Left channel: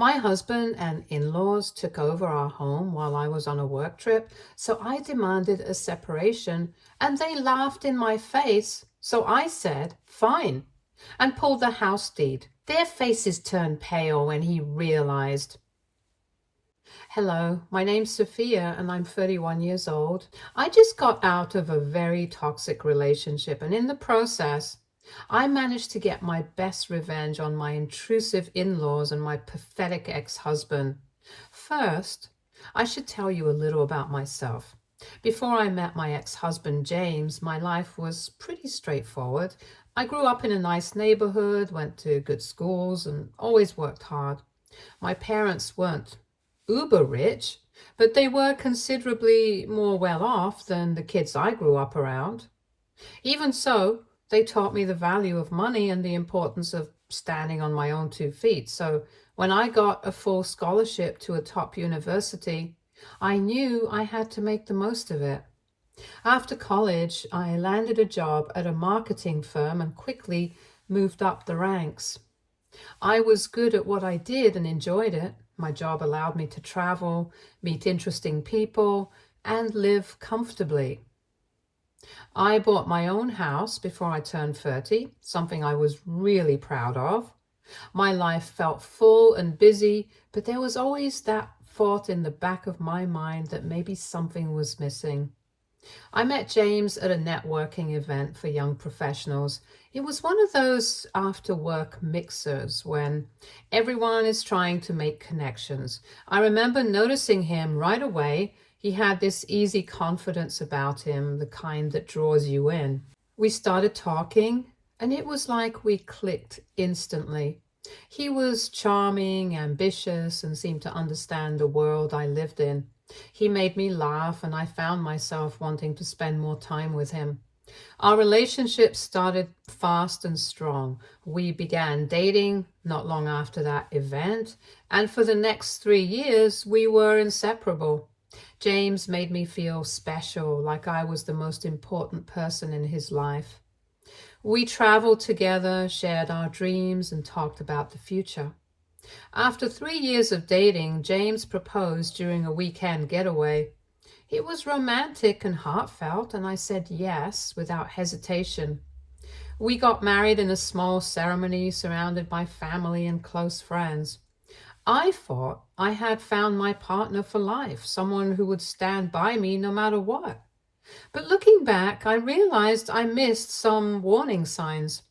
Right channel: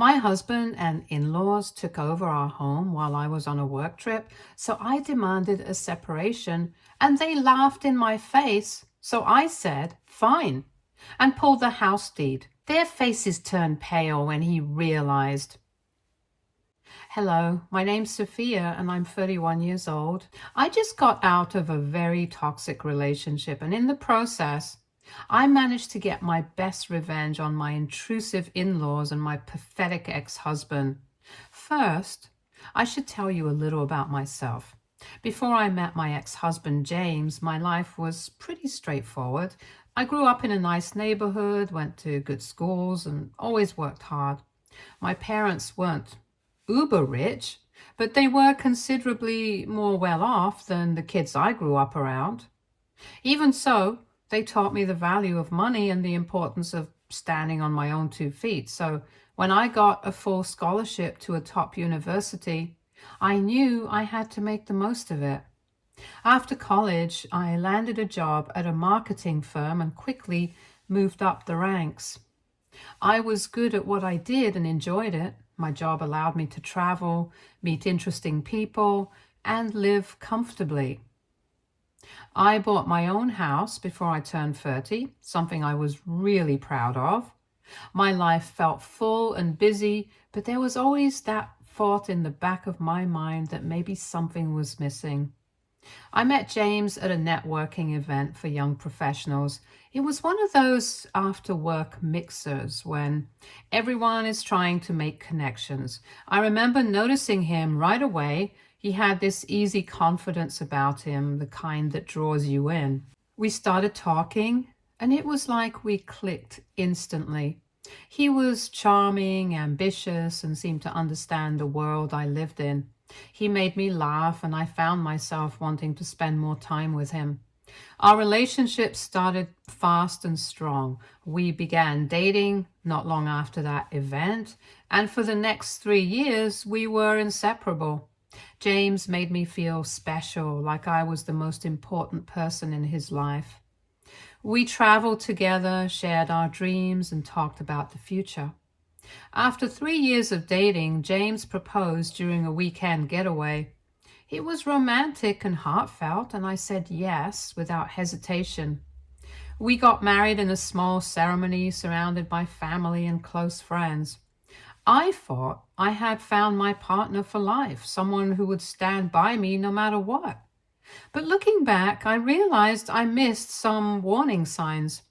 My husband and in-laws took over our home while I was on a work trip, so I demanded a separation and they laughed in my face. So I said, fine, and pulled the house deed. Their faces turned pale when he realized. Hello, my name's Sophia and I'm 31 years old. I just got out of a very toxic relationship, and in the process, I managed to get my best revenge on my intrusive in-laws and my pathetic ex-husband. First, I should tell you a little about myself. Before I met my ex-husband James, my life was pretty straightforward. I grew up in a nice neighborhood, went to good schools, and always worked hard. My parents weren't uber rich, but they were considerably more well off than the kids I grew up around. Even so, they taught me the value of money and the importance of standing on my own 2 feet. So when I got a full scholarship to a top university, I knew I had to make the most of it. After college, I landed a job at a marketing firm and quickly moved up the ranks. I was good at what I did and enjoyed it. My job allowed me to travel, meet interesting people, and live comfortably. I bought my own house before I turned 30, something I was really proud of. My life felt full and busy, but there was always that thought in the back of my mind that maybe something was missing. I met James at a networking event for young professionals. It was one of those after work mixers when everyone is trying to make connections. I remember noticing him right away. He had this easy confidence about him, the kind that draws you in. We started talking, and it was like we clicked instantly. He was charming, ambitious, and seemed to understand the world I lived in. He made me laugh, and I found myself wanting to spend more time with him. Our relationship started fast and strong. We began dating not long after that event, and for the next 3 years, we were inseparable. James made me feel special, like I was the most important person in his life. We traveled together, shared our dreams, and talked about the future. After 3 years of dating, James proposed during a weekend getaway. It was romantic and heartfelt, and I said yes without hesitation. We got married in a small ceremony surrounded by family and close friends. I thought I had found my partner for life, someone who would stand by me no matter what. But looking back, I realized I missed some warning signs.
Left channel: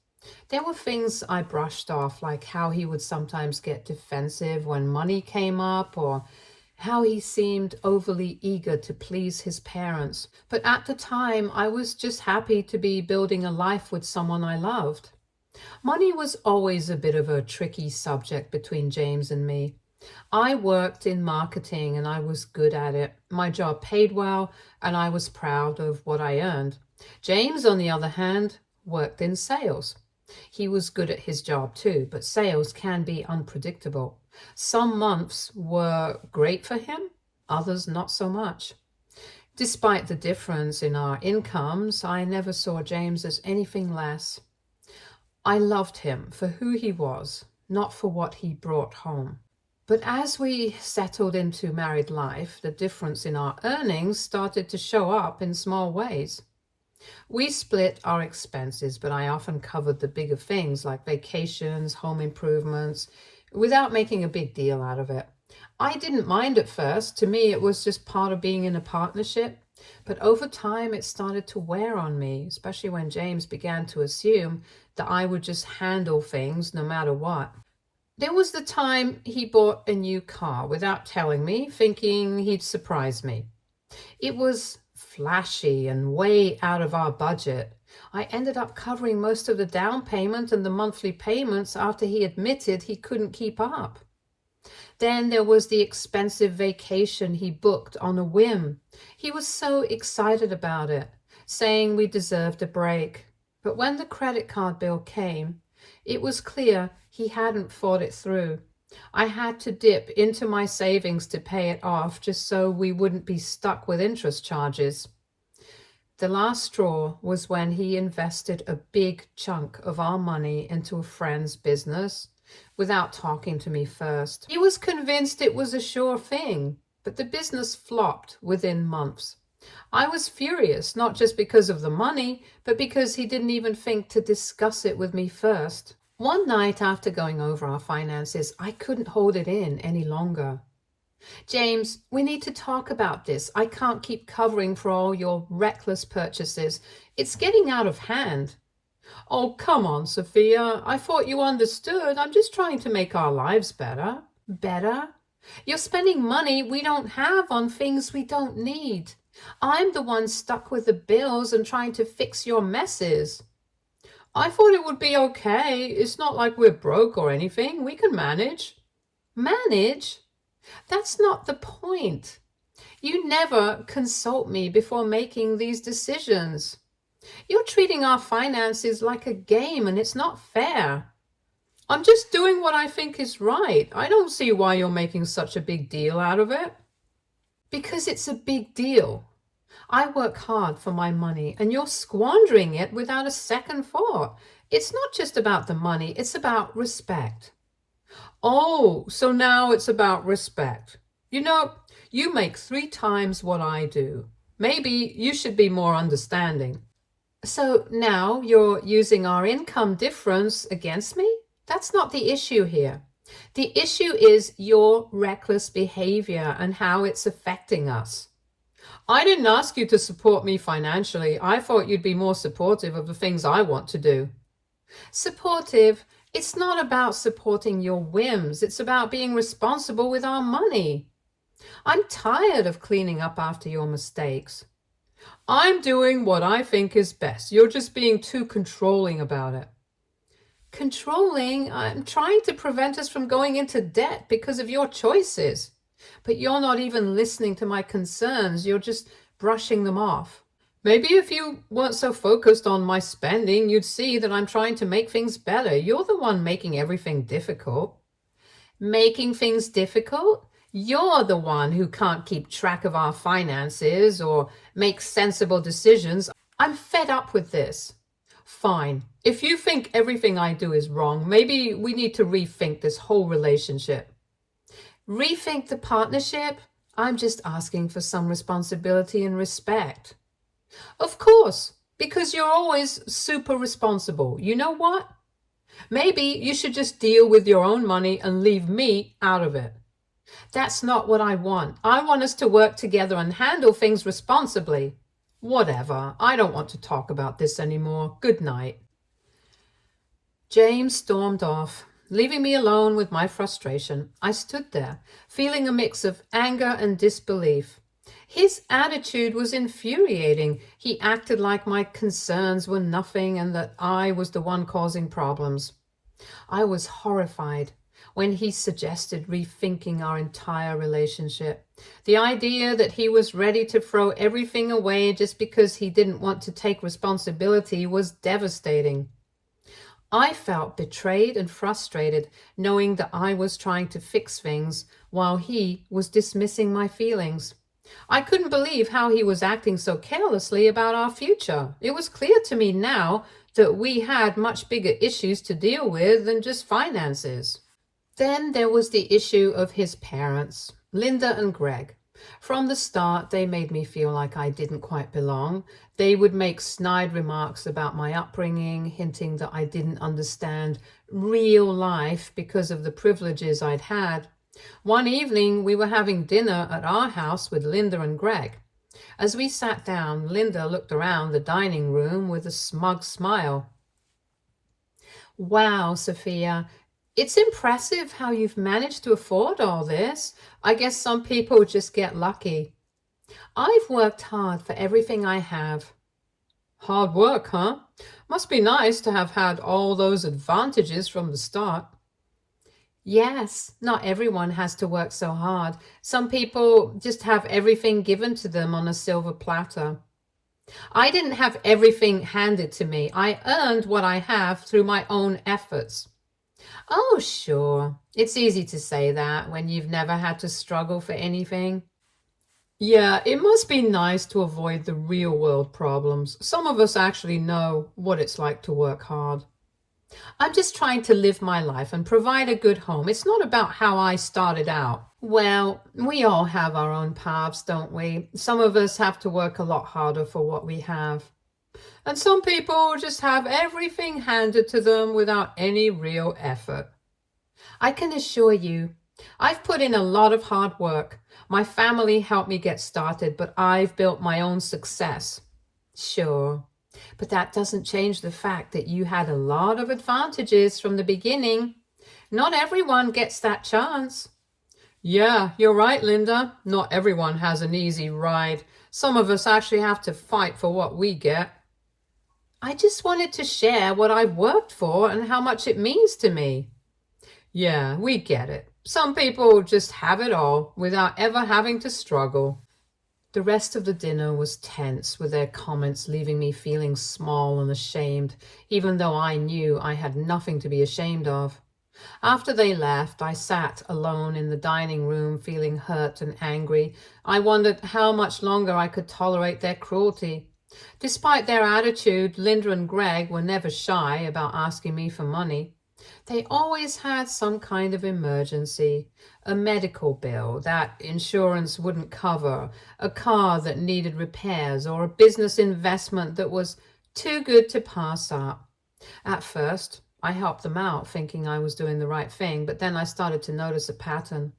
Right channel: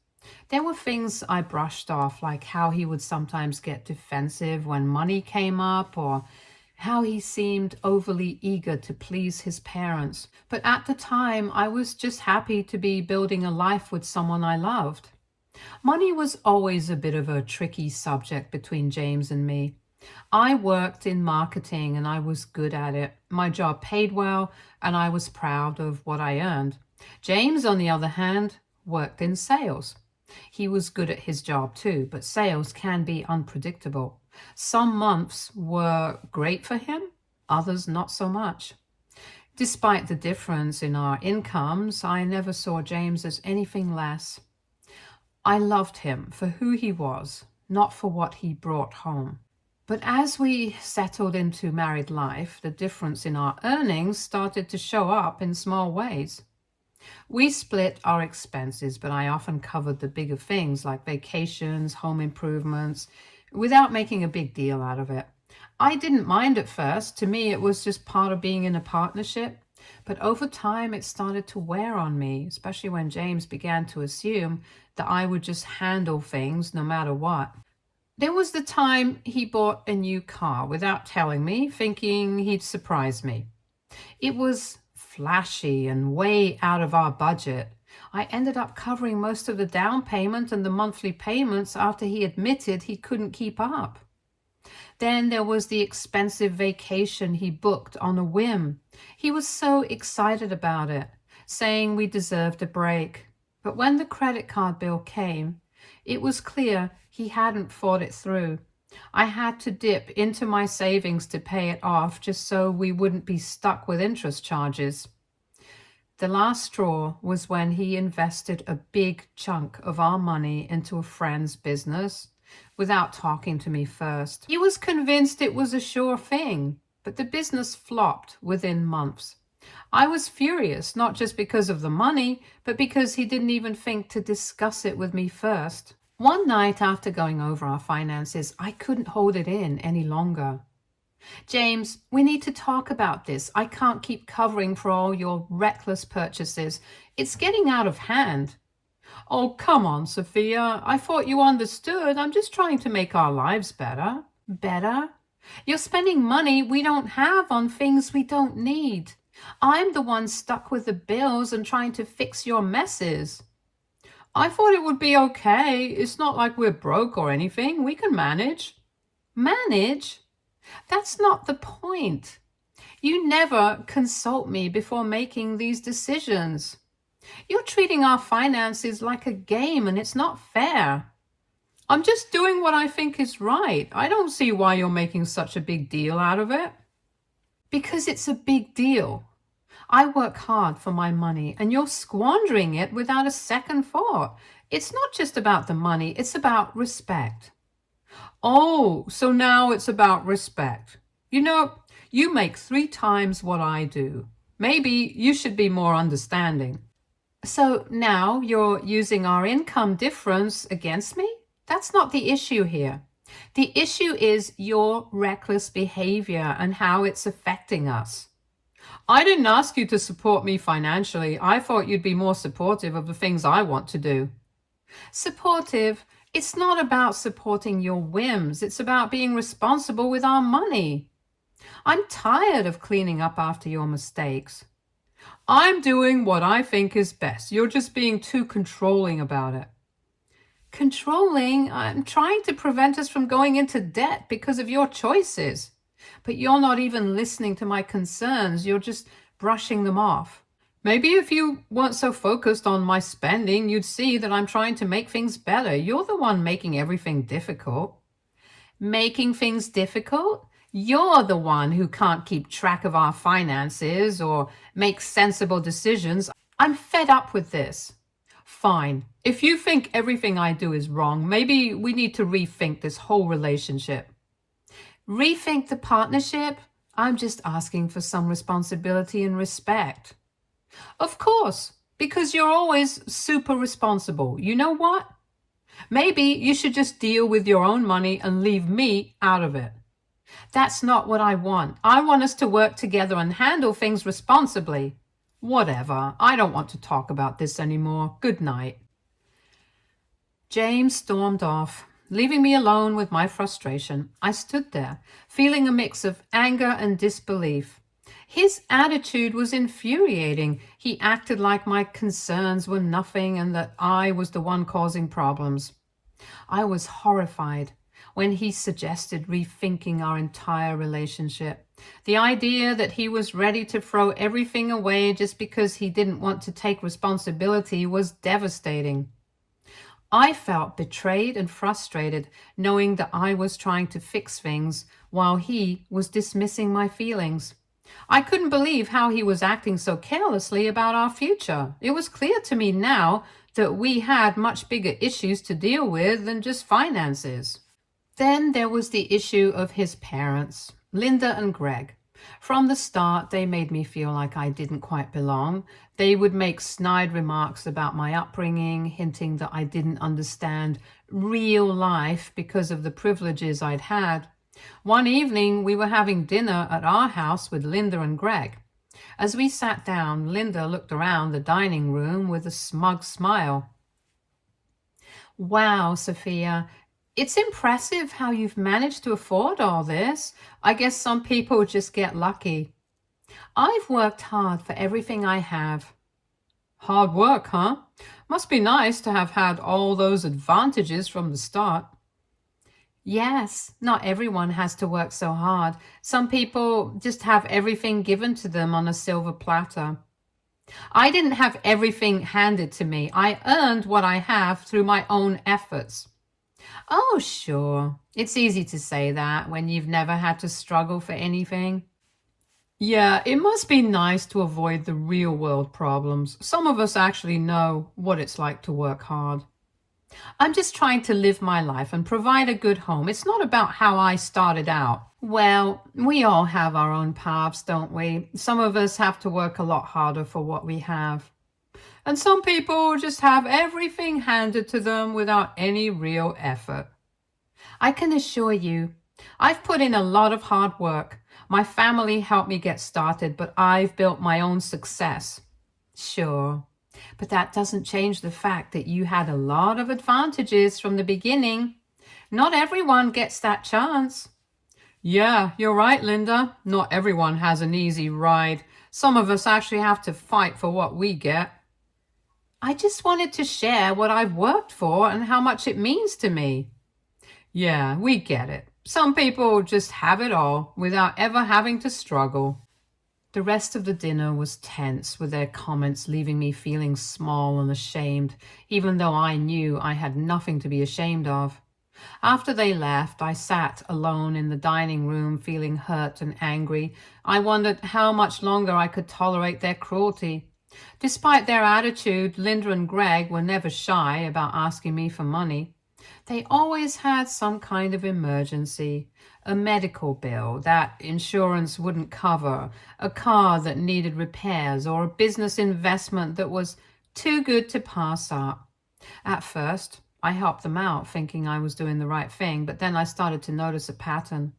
There were things I brushed off, like how he would sometimes get defensive when money came up, or how he seemed overly eager to please his parents. But at the time, I was just happy to be building a life with someone I loved. Money was always a bit of a tricky subject between James and me. I worked in marketing and I was good at it. My job paid well and I was proud of what I earned. James, on the other hand, worked in sales. He was good at his job too, but sales can be unpredictable. Some months were great for him, others not so much. Despite the difference in our incomes, I never saw James as anything less. I loved him for who he was, not for what he brought home. But as we settled into married life, the difference in our earnings started to show up in small ways. We split our expenses, but I often covered the bigger things like vacations, home improvements, without making a big deal out of it. I didn't mind at first. To me, it was just part of being in a partnership. But over time, it started to wear on me, especially when James began to assume that I would just handle things no matter what. There was the time he bought a new car without telling me, thinking he'd surprise me. It was flashy and way out of our budget. I ended up covering most of the down payment and the monthly payments after he admitted he couldn't keep up. Then there was the expensive vacation he booked on a whim. He was so excited about it, saying we deserved a break. But when the credit card bill came, it was clear he hadn't thought it through. I had to dip into my savings to pay it off just so we wouldn't be stuck with interest charges. The last straw was when he invested a big chunk of our money into a friend's business. without talking to me first. He was convinced it was a sure thing, but the business flopped within months. I was furious, not just because of the money, but because he didn't even think to discuss it with me first. One night after going over our finances, I couldn't hold it in any longer. James, we need to talk about this. I can't keep covering for all your reckless purchases. It's getting out of hand. Oh, come on, Sophia. I thought you understood. I'm just trying to make our lives better. Better? You're spending money we don't have on things we don't need. I'm the one stuck with the bills and trying to fix your messes. I thought it would be okay. It's not like we're broke or anything. We can manage. Manage? That's not the point. You never consult me before making these decisions. You're treating our finances like a game, and it's not fair. I'm just doing what I think is right. I don't see why you're making such a big deal out of it. Because it's a big deal. I work hard for my money, and you're squandering it without a second thought. It's not just about the money, it's about respect. Oh, so now it's about respect. You know, you make 3 times what I do. Maybe you should be more understanding. So now you're using our income difference against me? That's not the issue here. The issue is your reckless behavior and how it's affecting us. I didn't ask you to support me financially. I thought you'd be more supportive of the things I want to do. Supportive? It's not about supporting your whims. It's about being responsible with our money. I'm tired of cleaning up after your mistakes. I'm doing what I think is best. You're just being too controlling about it. Controlling? I'm trying to prevent us from going into debt because of your choices. But you're not even listening to my concerns. You're just brushing them off. Maybe if you weren't so focused on my spending, you'd see that I'm trying to make things better. You're the one making everything difficult. Making things difficult? You're the one who can't keep track of our finances or make sensible decisions. I'm fed up with this. Fine. If you think everything I do is wrong, maybe we need to rethink this whole relationship. Rethink the partnership? I'm just asking for some responsibility and respect. Of course, because you're always super responsible. You know what? Maybe you should just deal with your own money and leave me out of it. That's not what I want. I want us to work together and handle things responsibly. Whatever. I don't want to talk about this anymore. Good night. James stormed off, leaving me alone with my frustration. I stood there, feeling a mix of anger and disbelief. His attitude was infuriating. He acted like my concerns were nothing and that I was the one causing problems. I was horrified when he suggested rethinking our entire relationship. The idea that he was ready to throw everything away just because he didn't want to take responsibility was devastating. I felt betrayed and frustrated, knowing that I was trying to fix things while he was dismissing my feelings. I couldn't believe how he was acting so carelessly about our future. It was clear to me now that we had much bigger issues to deal with than just finances. Then there was the issue of his parents, Linda and Greg. From the start, they made me feel like I didn't quite belong. They would make snide remarks about my upbringing, hinting that I didn't understand real life because of the privileges I'd had. One evening, we were having dinner at our house with Linda and Greg. As we sat down, Linda looked around the dining room with a smug smile. Wow, Sophia, it's impressive how you've managed to afford all this. I guess some people just get lucky. I've worked hard for everything I have. Hard work, huh? Must be nice to have had all those advantages from the start. Yes, not everyone has to work so hard. Some people just have everything given to them on a silver platter. I didn't have everything handed to me. I earned what I have through my own efforts. Oh, sure. It's easy to say that when you've never had to struggle for anything. Yeah, it must be nice to avoid the real world problems. Some of us actually know what it's like to work hard. I'm just trying to live my life and provide a good home. It's not about how I started out. Well, we all have our own paths, don't we? Some of us have to work a lot harder for what we have. And some people just have everything handed to them without any real effort. I can assure you, I've put in a lot of hard work. My family helped me get started, but I've built my own success. Sure, but that doesn't change the fact that you had a lot of advantages from the beginning. Not everyone gets that chance. Yeah, you're right, Linda. Not everyone has an easy ride. Some of us actually have to fight for what we get. I just wanted to share what I've worked for and how much it means to me. Yeah, we get it. Some people just have it all without ever having to struggle. The rest of the dinner was tense, with their comments leaving me feeling small and ashamed, even though I knew I had nothing to be ashamed of. After they left, I sat alone in the dining room feeling hurt and angry. I wondered how much longer I could tolerate their cruelty. Despite their attitude, Linda and Greg were never shy about asking me for money. They always had some kind of emergency, a medical bill that insurance wouldn't cover, a car that needed repairs, or a business investment that was too good to pass up. At first, I helped them out, thinking I was doing the right thing, but then I started to notice a pattern.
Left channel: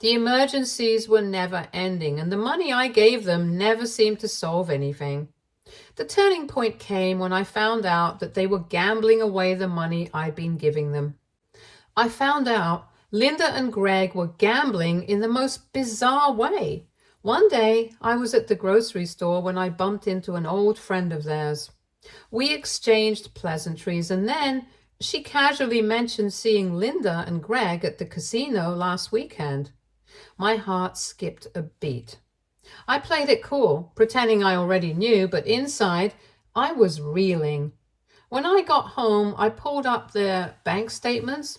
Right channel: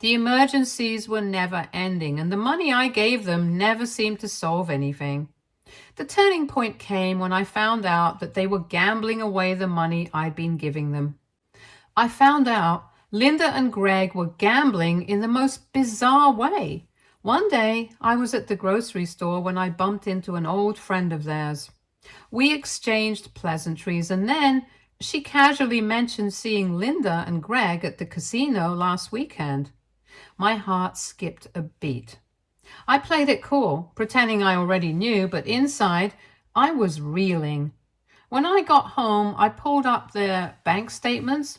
The emergencies were never ending, and the money I gave them never seemed to solve anything. The turning point came when I found out that they were gambling away the money I'd been giving them. I found out Linda and Greg were gambling in the most bizarre way. One day, I was at the grocery store when I bumped into an old friend of theirs. We exchanged pleasantries, and then she casually mentioned seeing Linda and Greg at the casino last weekend. My heart skipped a beat. I played it cool, pretending I already knew, but inside, I was reeling. When I got home, I pulled up their bank statements,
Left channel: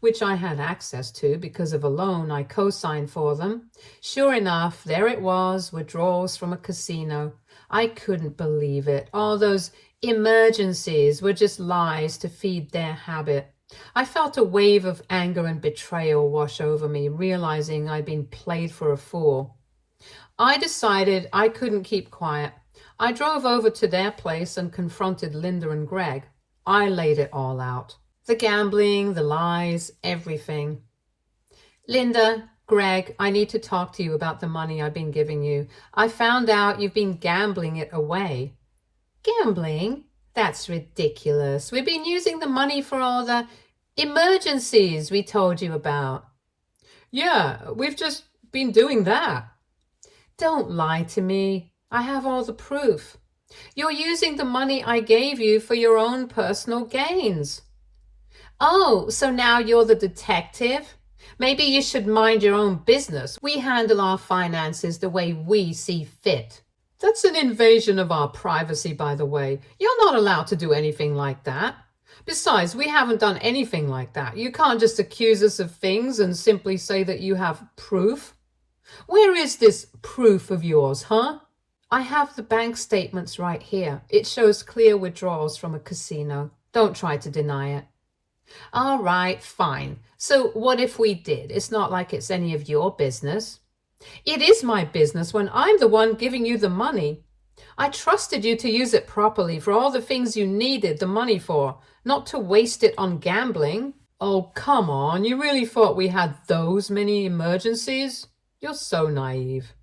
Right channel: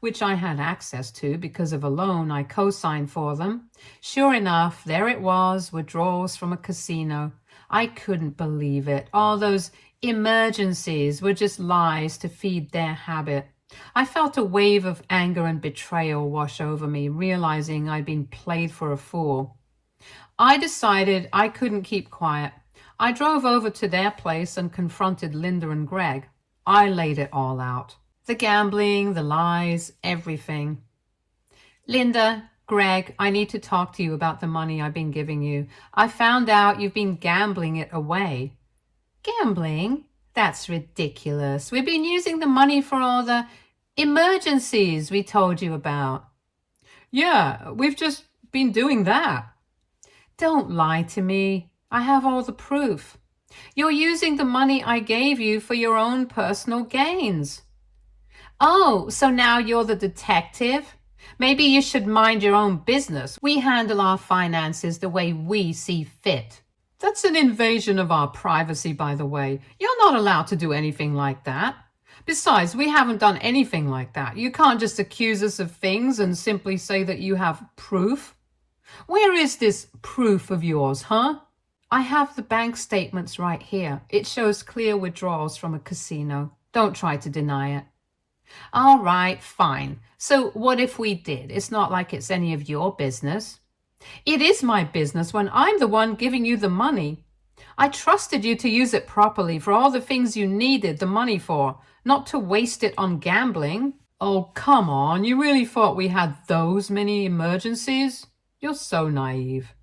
which I had access to because of a loan I co-signed for them. Sure enough, there it was, withdrawals from a casino. I couldn't believe it. All those emergencies were just lies to feed their habit. I felt a wave of anger and betrayal wash over me, realizing I'd been played for a fool. I decided I couldn't keep quiet. I drove over to their place and confronted Linda and Greg. I laid it all out. The gambling, the lies, everything. Linda, Greg, I need to talk to you about the money I've been giving you. I found out you've been gambling it away. Gambling? That's ridiculous. We've been using the money for all the emergencies we told you about. Yeah, we've just been doing that. Don't lie to me. I have all the proof. You're using the money I gave you for your own personal gains. Oh, so now you're the detective? Maybe you should mind your own business. We handle our finances the way we see fit. That's an invasion of our privacy, by the way. You're not allowed to do anything like that. Besides, we haven't done anything like that. You can't just accuse us of things and simply say that you have proof. Where is this proof of yours, huh? I have the bank statements right here. It shows clear withdrawals from a casino. Don't try to deny it. All right, fine. So what if we did? It's not like it's any of your business. It is my business when I'm the one giving you the money. I trusted you to use it properly for all the things you needed the money for, not to waste it on gambling. Oh, come on. You really thought we had those many emergencies? You're so naive.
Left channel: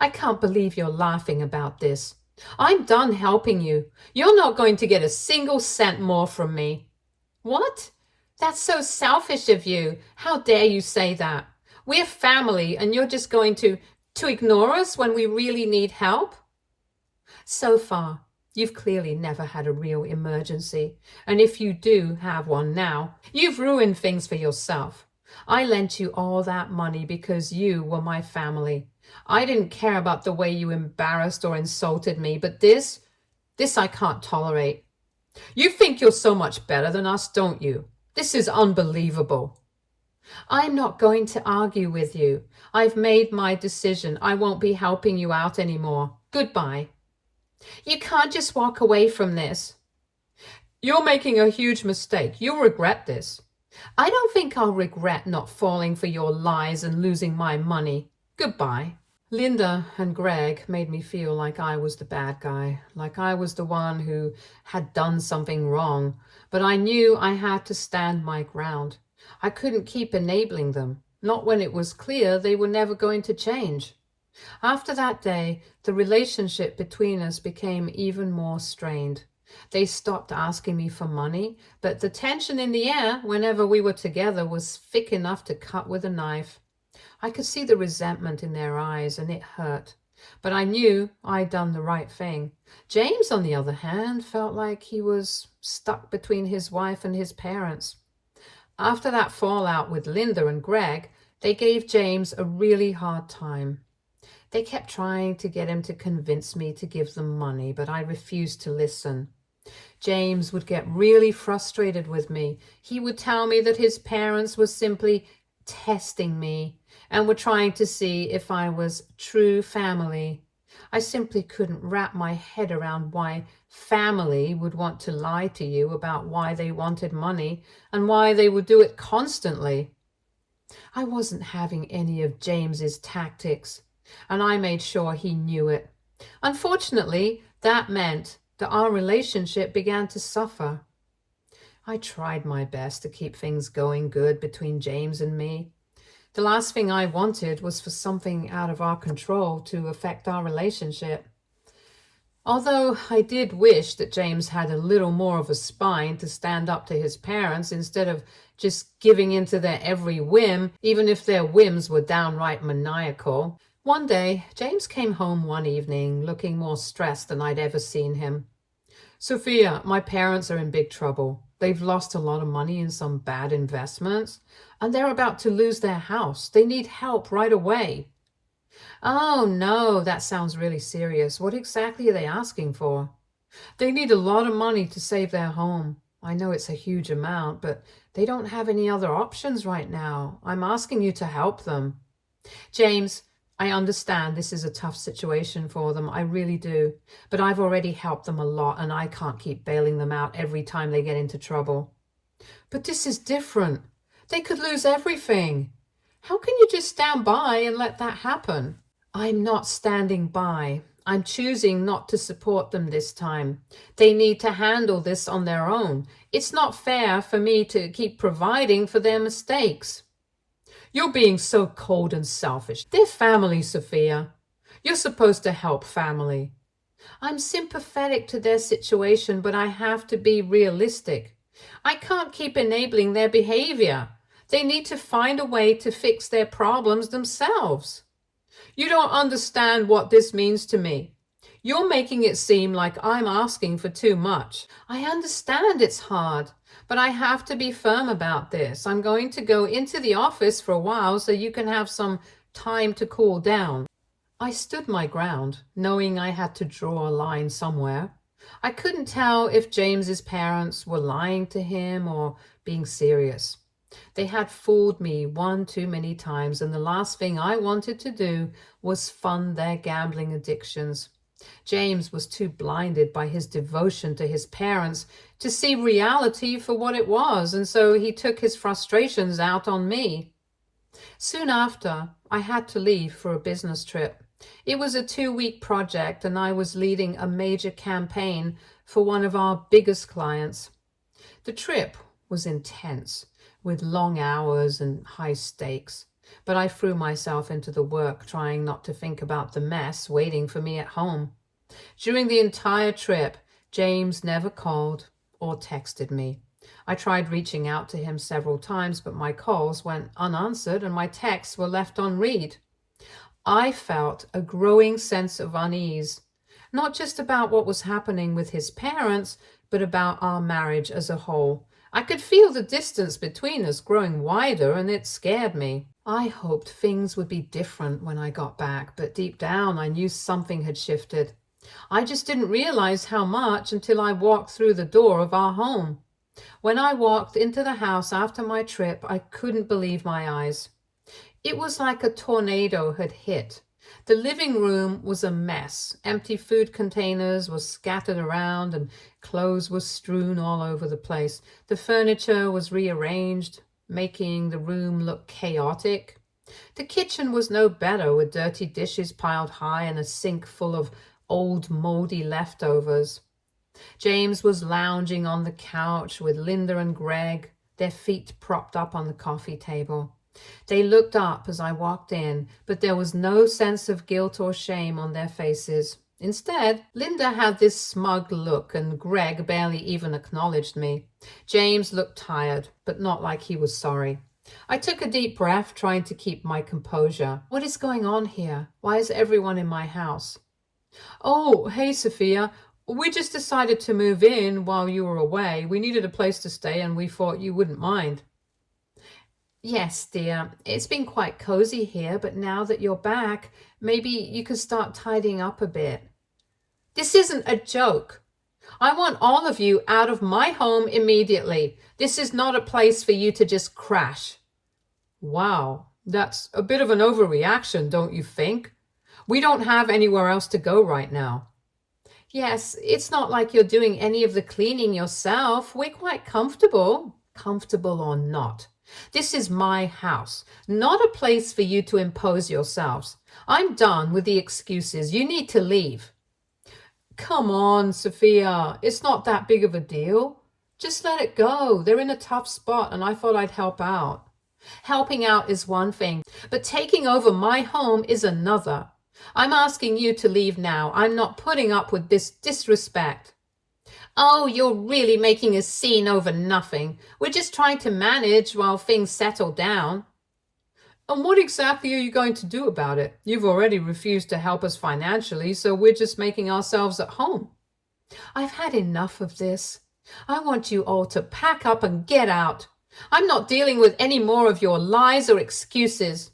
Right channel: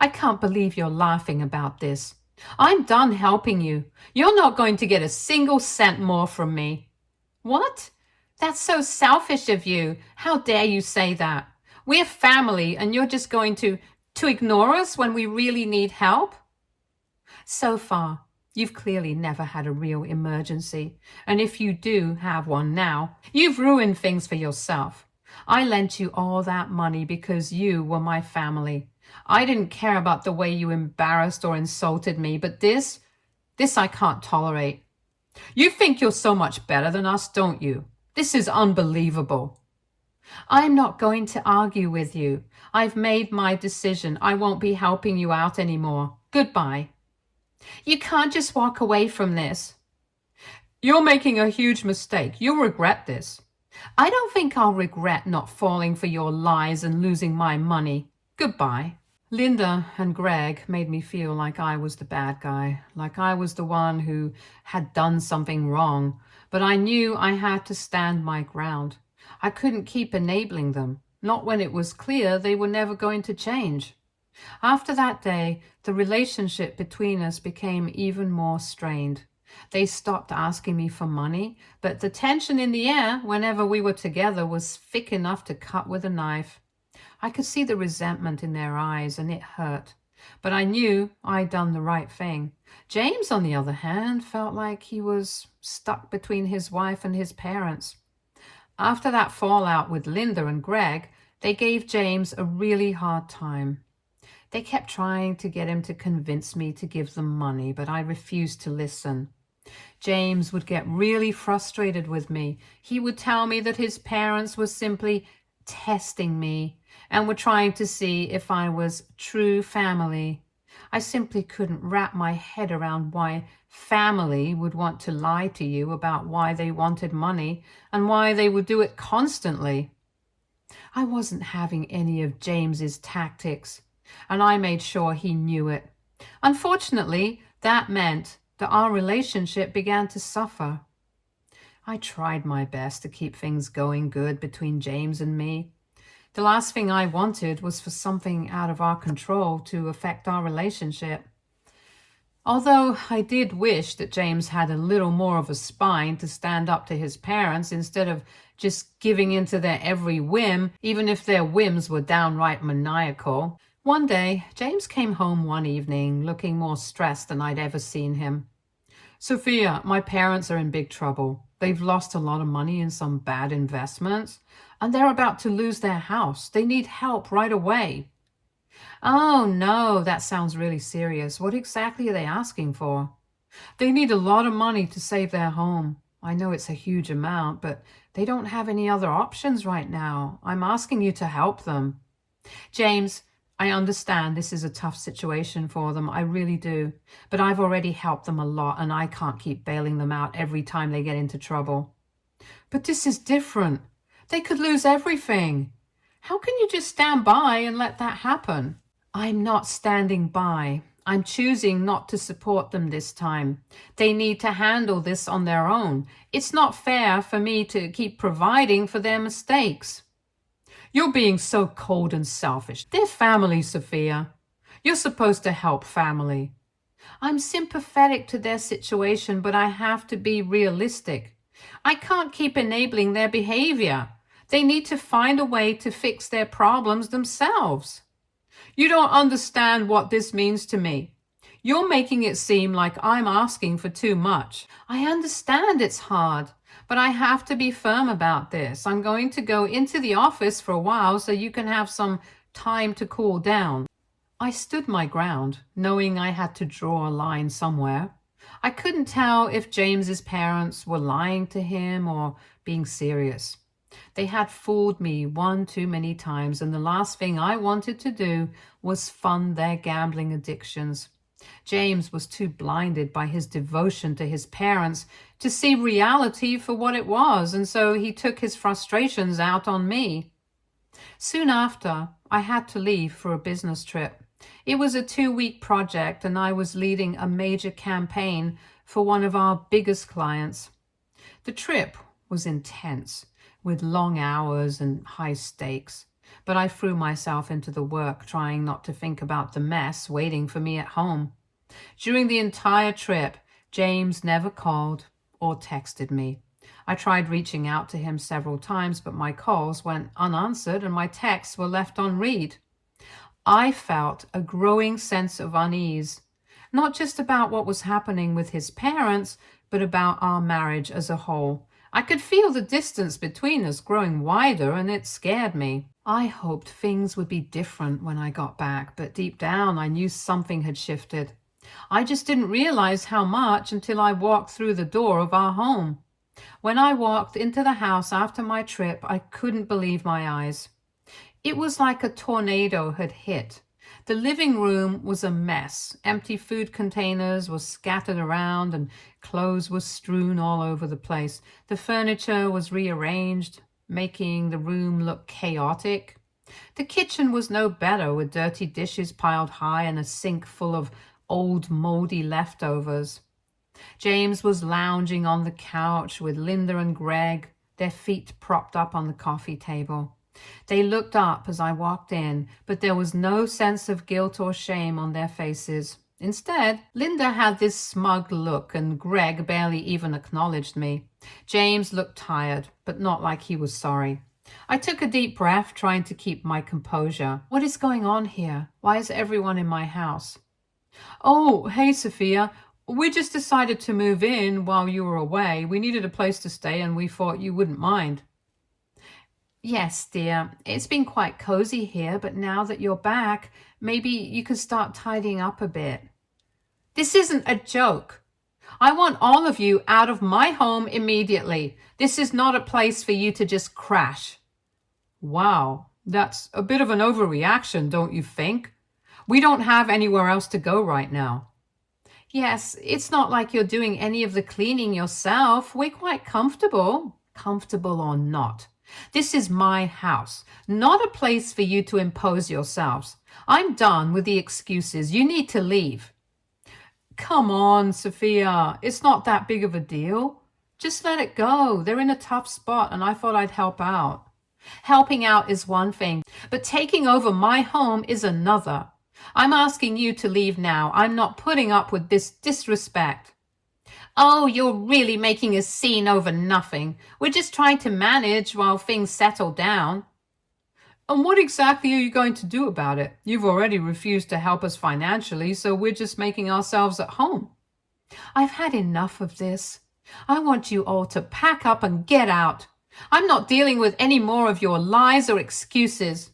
I can't believe you're laughing about this. I'm done helping you. You're not going to get a single cent more from me. What? That's so selfish of you. How dare you say that? We're family and you're just going to ignore us when we really need help? So far, you've clearly never had a real emergency. And if you do have one now, you've ruined things for yourself. I lent you all that money because you were my family. I didn't care about the way you embarrassed or insulted me, but this I can't tolerate. You think you're so much better than us, don't you? This is unbelievable. I'm not going to argue with you. I've made my decision. I won't be helping you out anymore. Goodbye. You can't just walk away from this. You're making a huge mistake. You'll regret this. I don't think I'll regret not falling for your lies and losing my money. Goodbye. Linda and Greg made me feel like I was the bad guy, like I was the one who had done something wrong. But I knew I had to stand my ground. I couldn't keep enabling them, not when it was clear they were never going to change. After that day, the relationship between us became even more strained. They stopped asking me for money, but the tension in the air whenever we were together was thick enough to cut with a knife. I could see the resentment in their eyes, and it hurt. But I knew I'd done the right thing. James, on the other hand, felt like he was stuck between his wife and his parents. After that fallout with Linda and Greg, they gave James a really hard time. They kept trying to get him to convince me to give them money, but I refused to listen. James would get really frustrated with me. He would tell me that his parents were simply testing me and were trying to see if I was true family. I simply couldn't wrap my head around why family would want to lie to you about why they wanted money and why they would do it constantly. I wasn't having any of James's tactics, and I made sure he knew it. Unfortunately, that meant that our relationship began to suffer. I tried my best to keep things going good between James and me. The last thing I wanted was for something out of our control to affect our relationship. Although I did wish that James had a little more of a spine to stand up to his parents instead of just giving in to their every whim, even if their whims were downright maniacal. One day, James came home one evening looking more stressed than I'd ever seen him. Sophia, my parents are in big trouble. They've lost a lot of money in some bad investments, and they're about to lose their house. They need help right away. Oh, no, that sounds really serious. What exactly are they asking for? They need a lot of money to save their home. I know it's a huge amount, but they don't have any other options right now. I'm asking you to help them. James, I understand this is a tough situation for them. I really do. But I've already helped them a lot, and I can't keep bailing them out every time they get into trouble. But this is different. They could lose everything. How can you just stand by and let that happen? I'm not standing by. I'm choosing not to support them this time. They need to handle this on their own. It's not fair for me to keep providing for their mistakes. You're being so cold and selfish. They're family, Sophia. You're supposed to help family. I'm sympathetic to their situation, but I have to be realistic. I can't keep enabling their behavior. They need to find a way to fix their problems themselves. You don't understand what this means to me. You're making it seem like I'm asking for too much. I understand it's hard, but I have to be firm about this. I'm going to go into the office for a while so you can have some time to cool down. I stood my ground, knowing I had to draw a line somewhere. I couldn't tell if James's parents were lying to him or being serious. They had fooled me one too many times, and the last thing I wanted to do was fund their gambling addictions. James was too blinded by his devotion to his parents to see reality for what it was, and so he took his frustrations out on me. Soon after, I had to leave for a business trip. It was a 2-week project, and I was leading a major campaign for one of our biggest clients. The trip was intense, with long hours and high stakes, but I threw myself into the work, trying not to think about the mess waiting for me at home. During the entire trip, James never called or texted me. I tried reaching out to him several times, but my calls went unanswered and my texts were left on read. I felt a growing sense of unease, not just about what was happening with his parents, but about our marriage as a whole. I could feel the distance between us growing wider, and it scared me. I hoped things would be different when I got back, but deep down I knew something had shifted. I just didn't realize how much until I walked through the door of our home. When I walked into the house after my trip, I couldn't believe my eyes. It was like a tornado had hit. The living room was a mess. Empty food containers were scattered around and clothes were strewn all over the place. The furniture was rearranged, making the room look chaotic. The kitchen was no better, with dirty dishes piled high and a sink full of old moldy leftovers. James was lounging on the couch with Linda and Greg, their feet propped up on the coffee table. They looked up as I walked in, but there was no sense of guilt or shame on their faces. Instead, Linda had this smug look, and Greg barely even acknowledged me. James looked tired, but not like he was sorry. I took a deep breath, trying to keep my composure. What is going on here? Why is everyone in my house? Oh, hey, Sophia. We just decided to move in while you were away. We needed a place to stay, and we thought you wouldn't mind. Yes, dear. It's been quite cozy here, but now that you're back, maybe you could start tidying up a bit. This isn't a joke. I want all of you out of my home immediately. This is not a place for you to just crash. Wow, that's a bit of an overreaction, don't you think? We don't have anywhere else to go right now. Yes, it's not like you're doing any of the cleaning yourself. We're quite comfortable. Comfortable or not. This is my house, not a place for you to impose yourselves. I'm done with the excuses. You need to leave. Come on, Sophia. It's not that big of a deal. Just let it go. They're in a tough spot, and I thought I'd help out. Helping out is one thing, but taking over my home is another. I'm asking you to leave now. I'm not putting up with this disrespect. Oh, you're really making a scene over nothing. We're just trying to manage while things settle down. And what exactly are you going to do about it? You've already refused to help us financially, so we're just making ourselves at home. I've had enough of this. I want you all to pack up and get out. I'm not dealing with any more of your lies or excuses.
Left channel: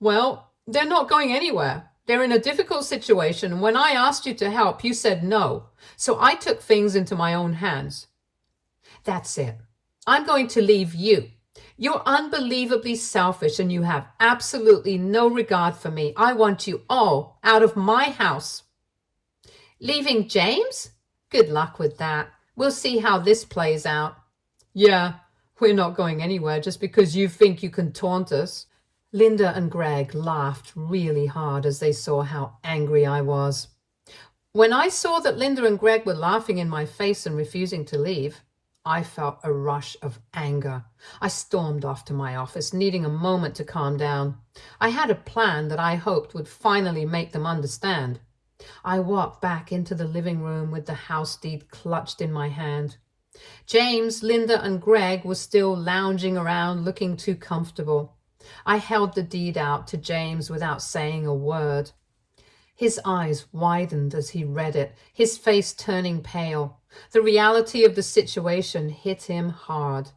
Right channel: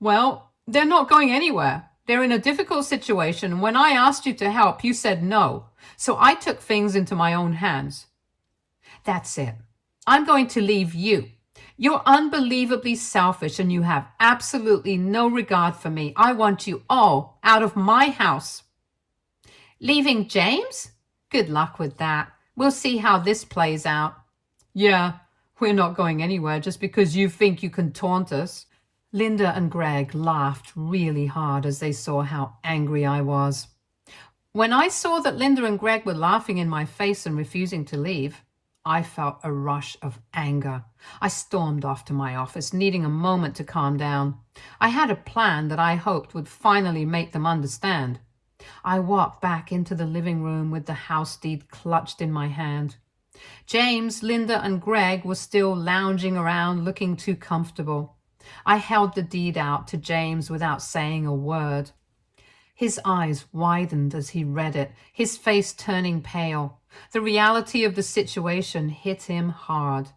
Well, they're not going anywhere. They're in a difficult situation. When I asked you to help, you said no. So I took things into my own hands. That's it. I'm going to leave you. You're unbelievably selfish and you have absolutely no regard for me. I want you all out of my house. Leaving James? Good luck with that. We'll see how this plays out. Yeah, we're not going anywhere just because you think you can taunt us. Linda and Greg laughed really hard as they saw how angry I was. When I saw that Linda and Greg were laughing in my face and refusing to leave, I felt a rush of anger. I stormed off to my office, needing a moment to calm down. I had a plan that I hoped would finally make them understand. I walked back into the living room with the house deed clutched in my hand. James, Linda, and Greg were still lounging around, looking too comfortable. I held the deed out to James without saying a word. His eyes widened as he read it, his face turning pale. The reality of the situation hit him hard.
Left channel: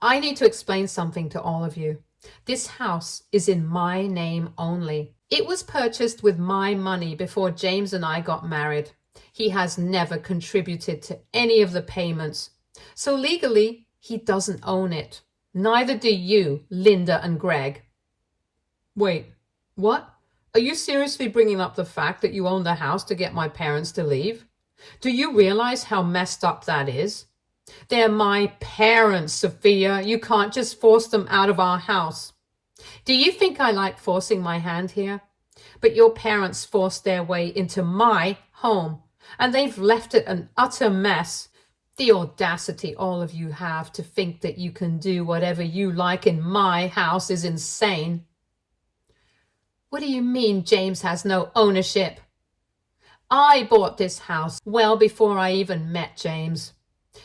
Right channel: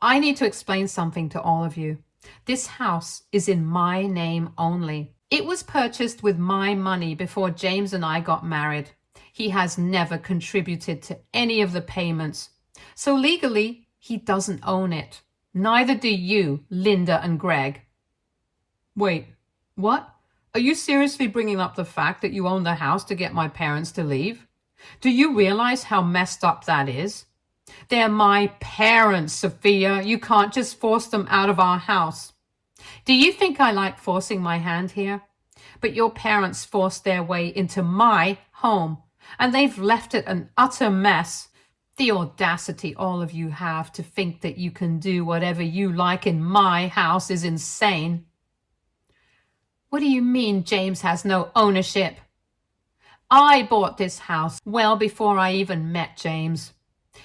I need to explain something to all of you. This house is in my name only. It was purchased with my money before James and I got married. He has never contributed to any of the payments. So legally, he doesn't own it. Neither do you, Linda and Greg. Wait, what? Are you seriously bringing up the fact that you own the house to get my parents to leave? Do you realize how messed up that is? They're my parents, Sophia. You can't just force them out of our house. Do you think I like forcing my hand here? But your parents forced their way into my home, and they've left it an utter mess. The audacity all of you have to think that you can do whatever you like in my house is insane. What do you mean James has no ownership? I bought this house well before I even met James.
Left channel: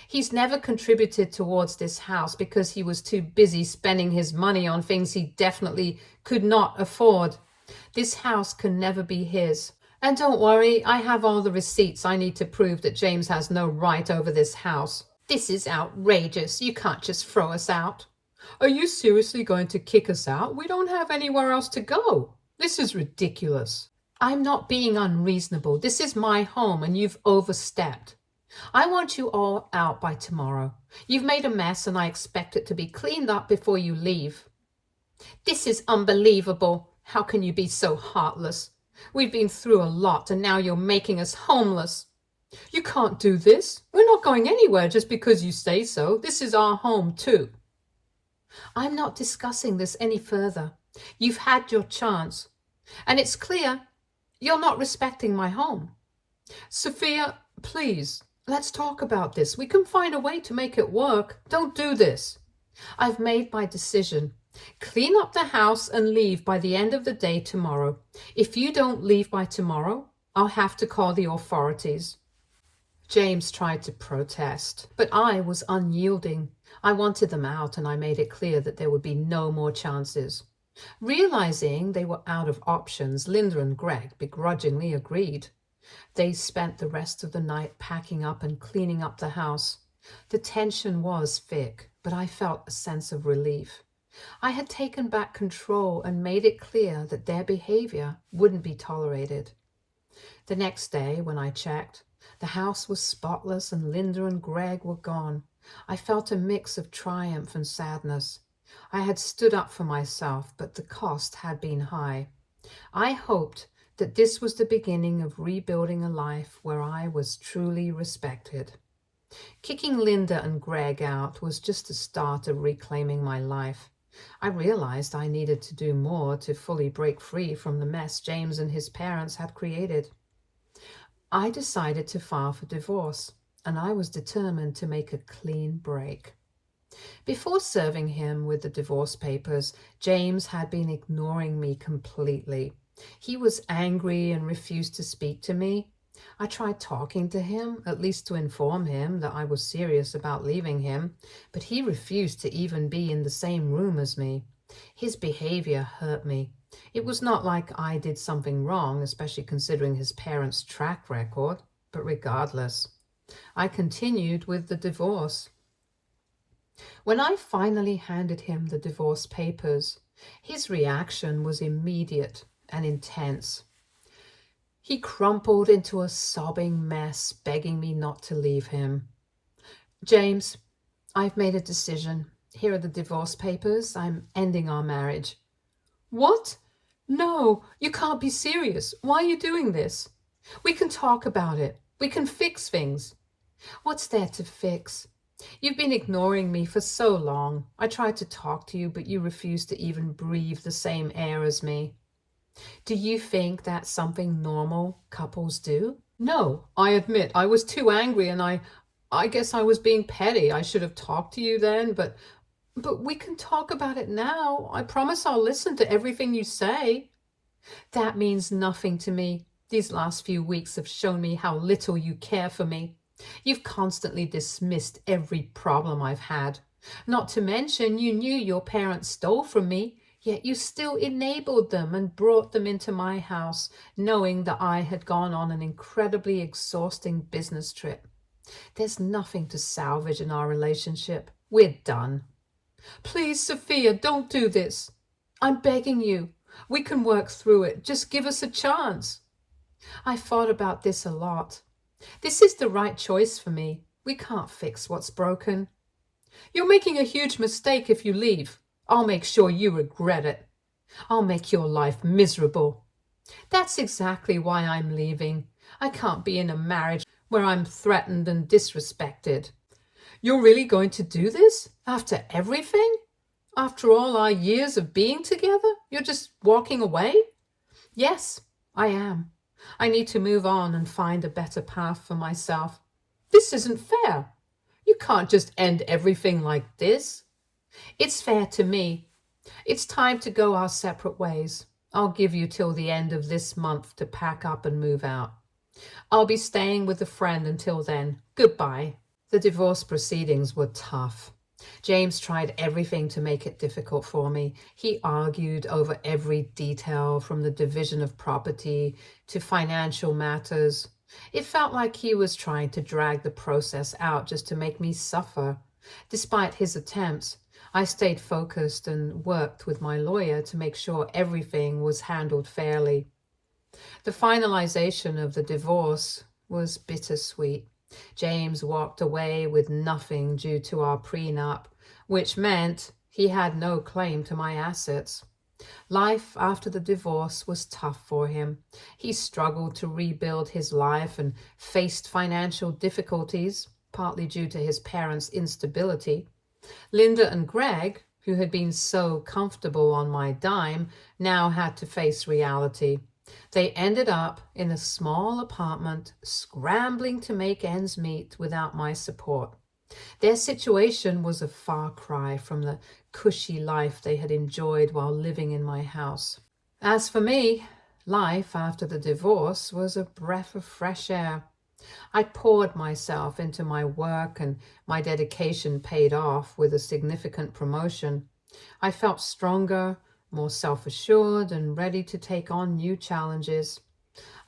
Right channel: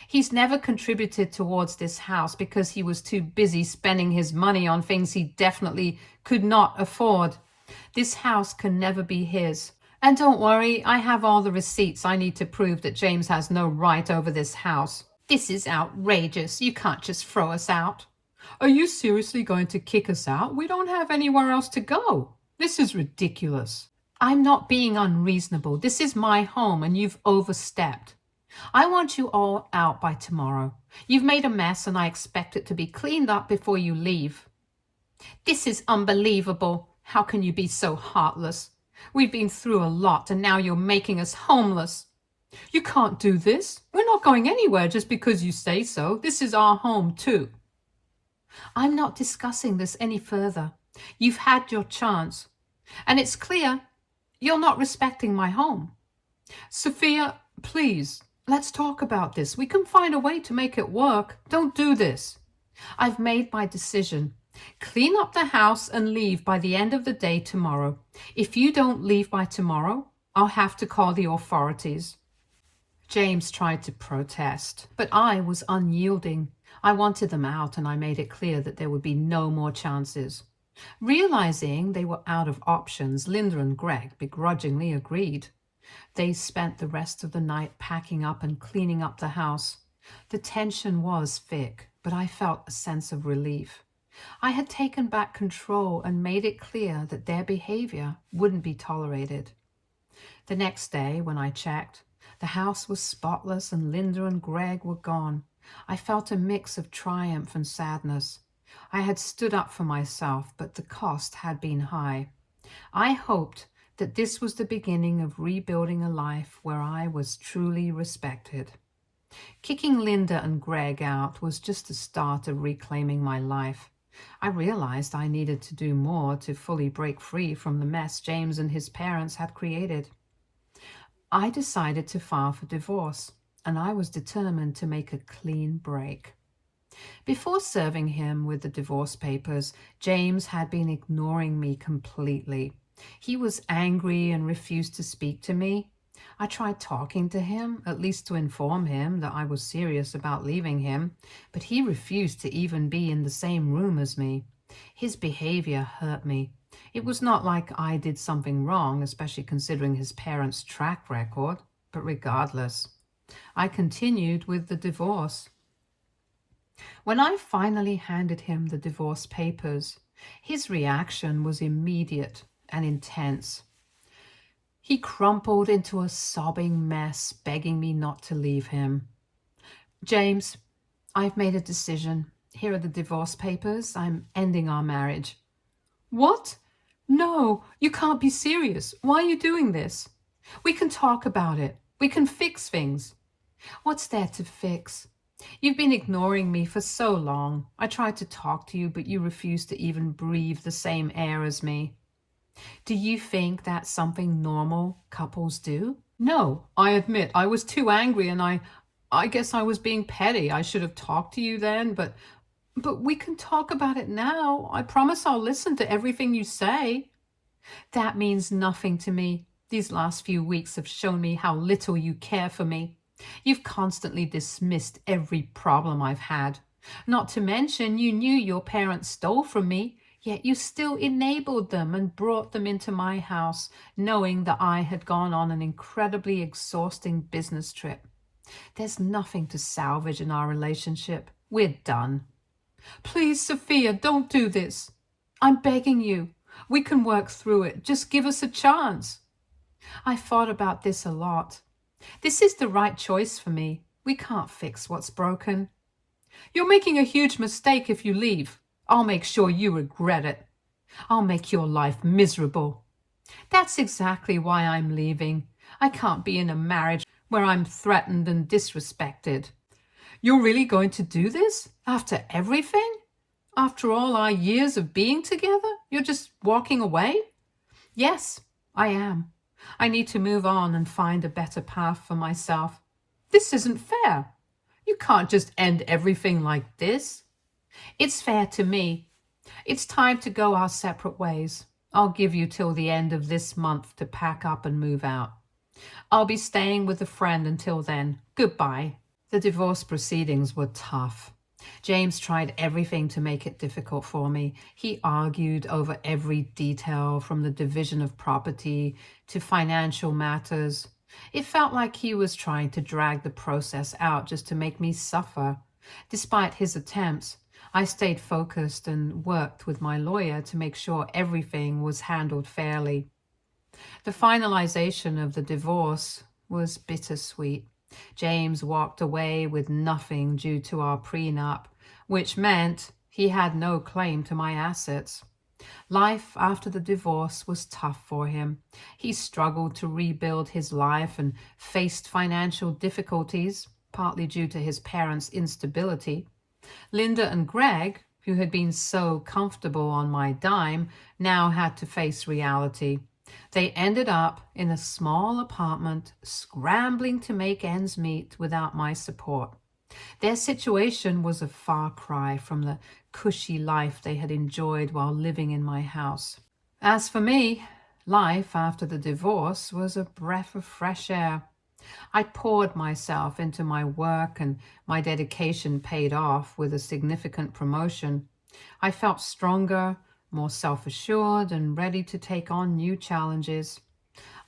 He's never contributed towards this house because he was too busy spending his money on things he definitely could not afford. This house can never be his. And don't worry, I have all the receipts I need to prove that James has no right over this house. This is outrageous. You can't just throw us out. Are you seriously going to kick us out? We don't have anywhere else to go. This is ridiculous. I'm not being unreasonable. This is my home and you've overstepped. I want you all out by tomorrow. You've made a mess and I expect it to be cleaned up before you leave. This is unbelievable. How can you be so heartless? We've been through a lot and now you're making us homeless. You can't do this. We're not going anywhere just because you say so. This is our home too. I'm not discussing this any further. You've had your chance. And it's clear you're not respecting my home. Sophia, please, let's talk about this. We can find a way to make it work. Don't do this. I've made my decision. Clean up the house and leave by the end of the day tomorrow. If you don't leave by tomorrow, I'll have to call the authorities. James tried to protest, but I was unyielding. I wanted them out, and I made it clear that there would be no more chances. Realizing they were out of options, Linda and Greg begrudgingly agreed. They spent the rest of the night packing up and cleaning up the house. The tension was thick, but I felt a sense of relief. I had taken back control and made it clear that their behavior wouldn't be tolerated. The next day, when I checked, the house was spotless and Linda and Greg were gone. I felt a mix of triumph and sadness. I had stood up for myself, but the cost had been high. I hoped that this was the beginning of rebuilding a life where I was truly respected. Kicking Linda and Greg out was just the start of reclaiming my life. I realized I needed to do more to fully break free from the mess James and his parents had created. I decided to file for divorce, and I was determined to make a clean break. Before serving him with the divorce papers, James had been ignoring me completely. He was angry and refused to speak to me. I tried talking to him, at least to inform him that I was serious about leaving him, but he refused to even be in the same room as me. His behavior hurt me. It was not like I did something wrong, especially considering his parents' track record, but regardless, I continued with the divorce. When I finally handed him the divorce papers, his reaction was immediate and intense. He crumpled into a sobbing mess, begging me not to leave him. James, I've made a decision. Here are the divorce papers. I'm ending our marriage. What? No, you can't be serious. Why are you doing this? We can talk about it. We can fix things. What's there to fix? You've been ignoring me for so long. I tried to talk to you, but you refused to even breathe the same air as me. Do you think that's something normal couples do? No, I admit I was too angry and I guess I was being petty. I should have talked to you then, but we can talk about it now. I promise I'll listen to everything you say. That means nothing to me. These last few weeks have shown me how little you care for me. You've constantly dismissed every problem I've had. Not to mention, you knew your parents stole from me, yet you still enabled them and brought them into my house, knowing that I had gone on an incredibly exhausting business trip. There's nothing to salvage in our relationship. We're done. Please, Sophia, don't do this. I'm begging you. We can work through it. Just give us a chance. I thought about this a lot. This is the right choice for me. We can't fix what's broken. You're making a huge mistake if you leave. I'll make sure you regret it. I'll make your life miserable. That's exactly why I'm leaving. I can't be in a marriage where I'm threatened and disrespected. You're really going to do this? After everything? After all our years of being together? You're just walking away? Yes, I am. I need to move on and find a better path for myself. This isn't fair. You can't just end everything like this. It's fair to me. It's time to go our separate ways. I'll give you till the end of this month to pack up and move out. I'll be staying with a friend until then. Goodbye. The divorce proceedings were tough. James tried everything to make it difficult for me. He argued over every detail, from the division of property to financial matters. It felt like he was trying to drag the process out just to make me suffer. Despite his attempts, I stayed focused and worked with my lawyer to make sure everything was handled fairly. The finalization of the divorce was bittersweet. James walked away with nothing due to our prenup, which meant he had no claim to my assets. Life after the divorce was tough for him. He struggled to rebuild his life and faced financial difficulties, partly due to his parents' instability. Linda and Greg, who had been so comfortable on my dime, now had to face reality. They ended up in a small apartment, scrambling to make ends meet without my support. Their situation was a far cry from the cushy life they had enjoyed while living in my house. As for me, life after the divorce was a breath of fresh air. I poured myself into my work, and my dedication paid off with a significant promotion. I felt stronger, more self assured, and ready to take on new challenges.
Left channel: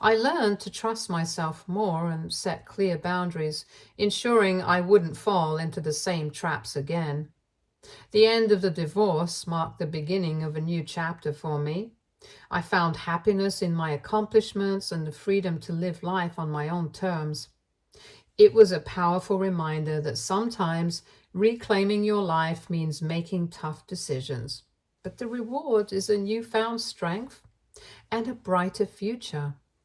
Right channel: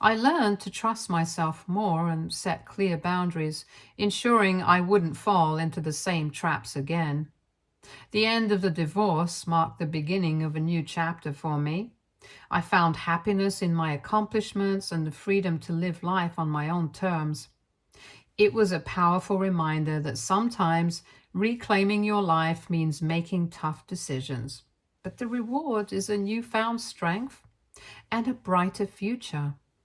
I learned to trust myself more and set clear boundaries, ensuring I wouldn't fall into the same traps again. The end of the divorce marked the beginning of a new chapter for me. I found happiness in my accomplishments and the freedom to live life on my own terms. It was a powerful reminder that sometimes reclaiming your life means making tough decisions, but the reward is a newfound strength and a brighter future.